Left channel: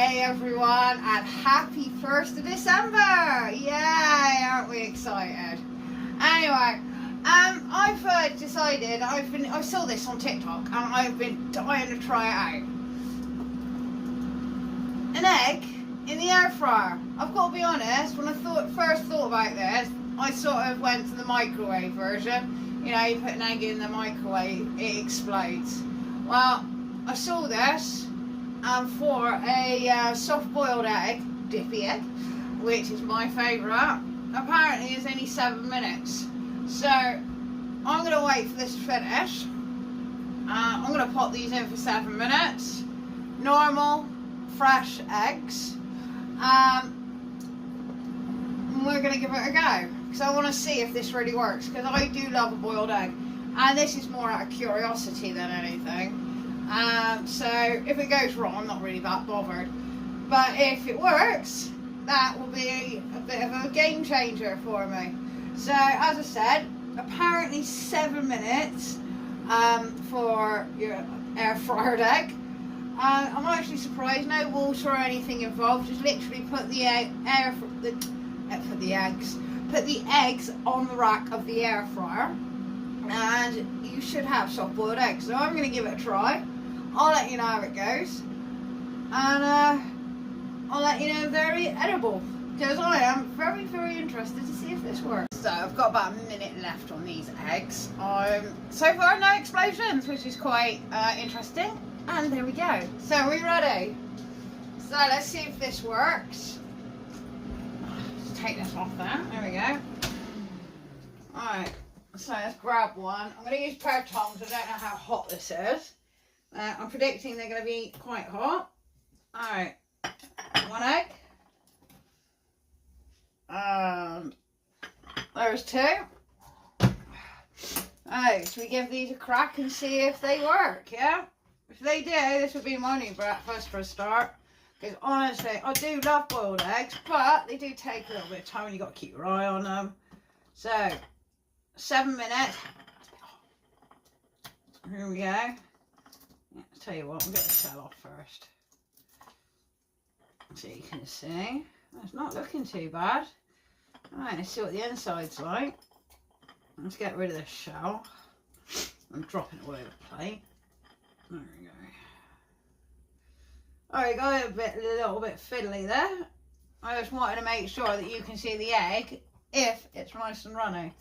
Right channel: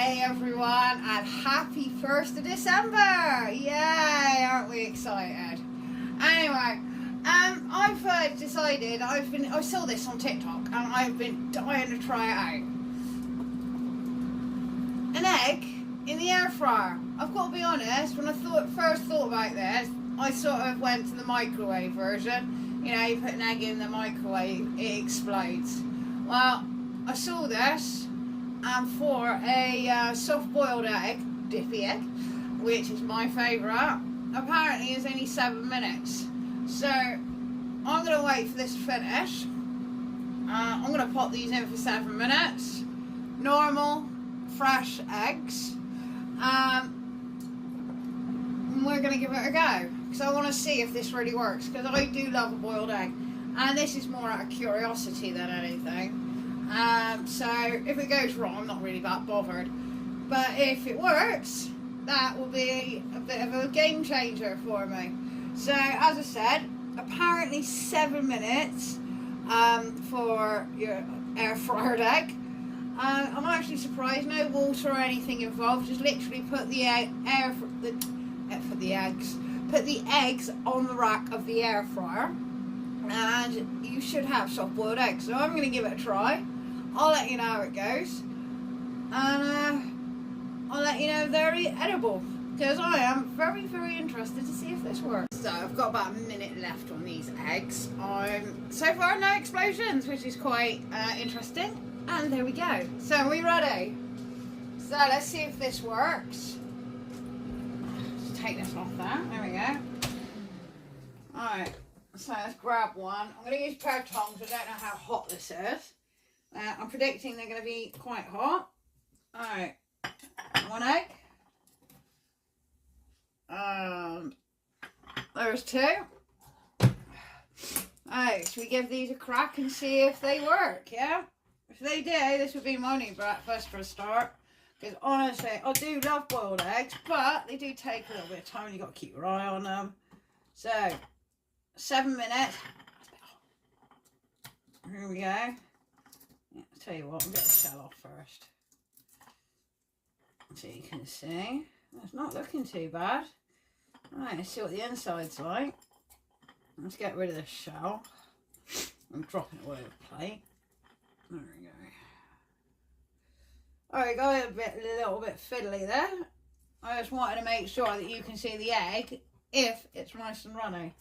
Hey everyone, and happy 1st of December! Yay, aren't we excited? Anyway, I've decided, I saw this on TikTok and I've been dying to try it out. An egg in the air fryer. I've got to be honest, when I first thought about this, I sort of went to the microwave version. You know, you put an egg in the microwave, it explodes. Well, I saw this for a soft-boiled egg, Dippy Egg, which is my favourite. Apparently it's only 7 minutes. So I'm going to wait for this to finish. I'm going to pop these in for 7 minutes. Normal, fresh eggs. We're going to give it a go. Because I want to see if this really works. Because I do love a boiled egg. And this is more out of curiosity than anything. So if it goes wrong, I'm not really that bothered. But if it works, that will be a bit of a game changer for me. So as I said, apparently 7 minutes for your air fryer egg. I'm actually surprised, no water or anything involved. Just literally put the eggs on the rack of the air fryer, and you should have soft boiled eggs. So I'm going to give it a try. I'll let you know how it goes, and I'll let you know if they're edible, because I am very, very interested to see if this works. So I've got about a minute left on these eggs. So far no explosions, which is quite interesting, and there we go. So are we ready? So let's see if this works. Let's take this off there. There we go. Alright, so let's grab one. I'm going to use a pair of tongs. I don't know how hot this is. I'm predicting they're going to be quite hot. Alright, one egg. There's two. Alright, so we give these a crack and see if they work, yeah? If they do, this would be my new breakfast for a start. Because honestly, I do love boiled eggs, but they do take a little bit of time and you've got to keep your eye on them. So, 7 minutes. Here we go. Yeah, I'll tell you what, I'll get the shell off first. So you can see. It's not looking too bad. Alright, let's see what the inside's like. Let's get rid of this shell. I'm dropping it all over the plate. There we go. Alright, got a little bit fiddly there. I just wanted to make sure that you can see the egg if it's nice and runny,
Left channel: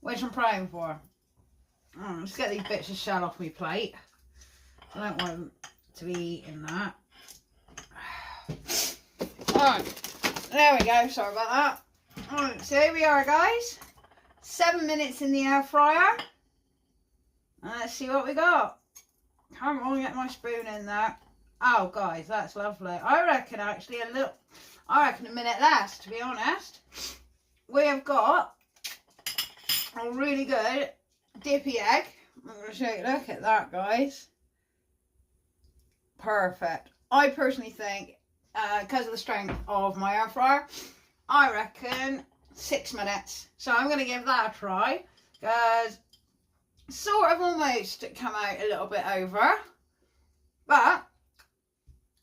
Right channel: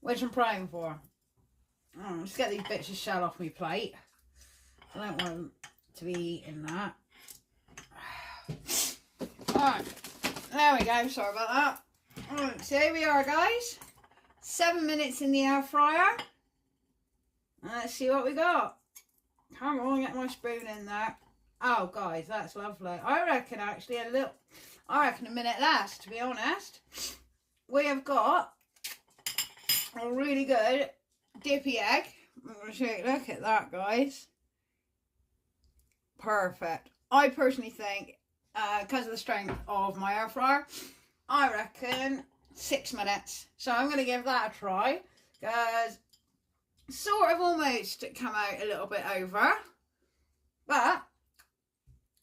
which I'm praying for. Let's get these bits of shell off my plate. I don't want them to be eating that. Alright, there we go, sorry about that. Alright, so here we are, guys. 7 minutes in the air fryer. And let's see what we got. Come on, get my spoon in there. Oh, guys, that's lovely. I reckon actually a minute less, to be honest. We have got a really good Dippy Egg. I'm going to show you, look at that, guys. Perfect. I personally think, because of the strength of my air fryer, I reckon 6 minutes. So I'm going to give that a try, because sort of almost come out a little bit over, but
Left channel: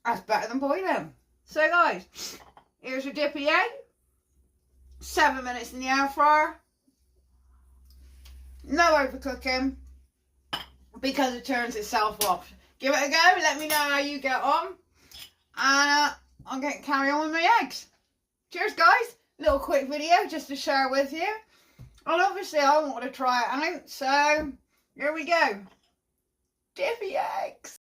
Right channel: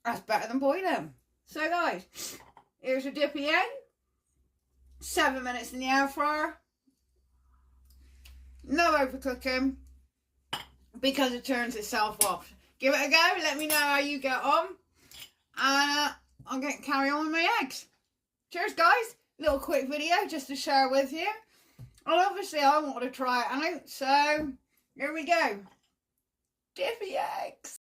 that's better than boiling. So guys, here's your Dippy Egg. 7 minutes in the air fryer. No overcooking, because it turns itself off. Give it a go, let me know how you get on. And I'm going to carry on with my eggs. Cheers guys, little quick video just to share with you. And obviously I want to try it out, so here we go. Dippy Eggs.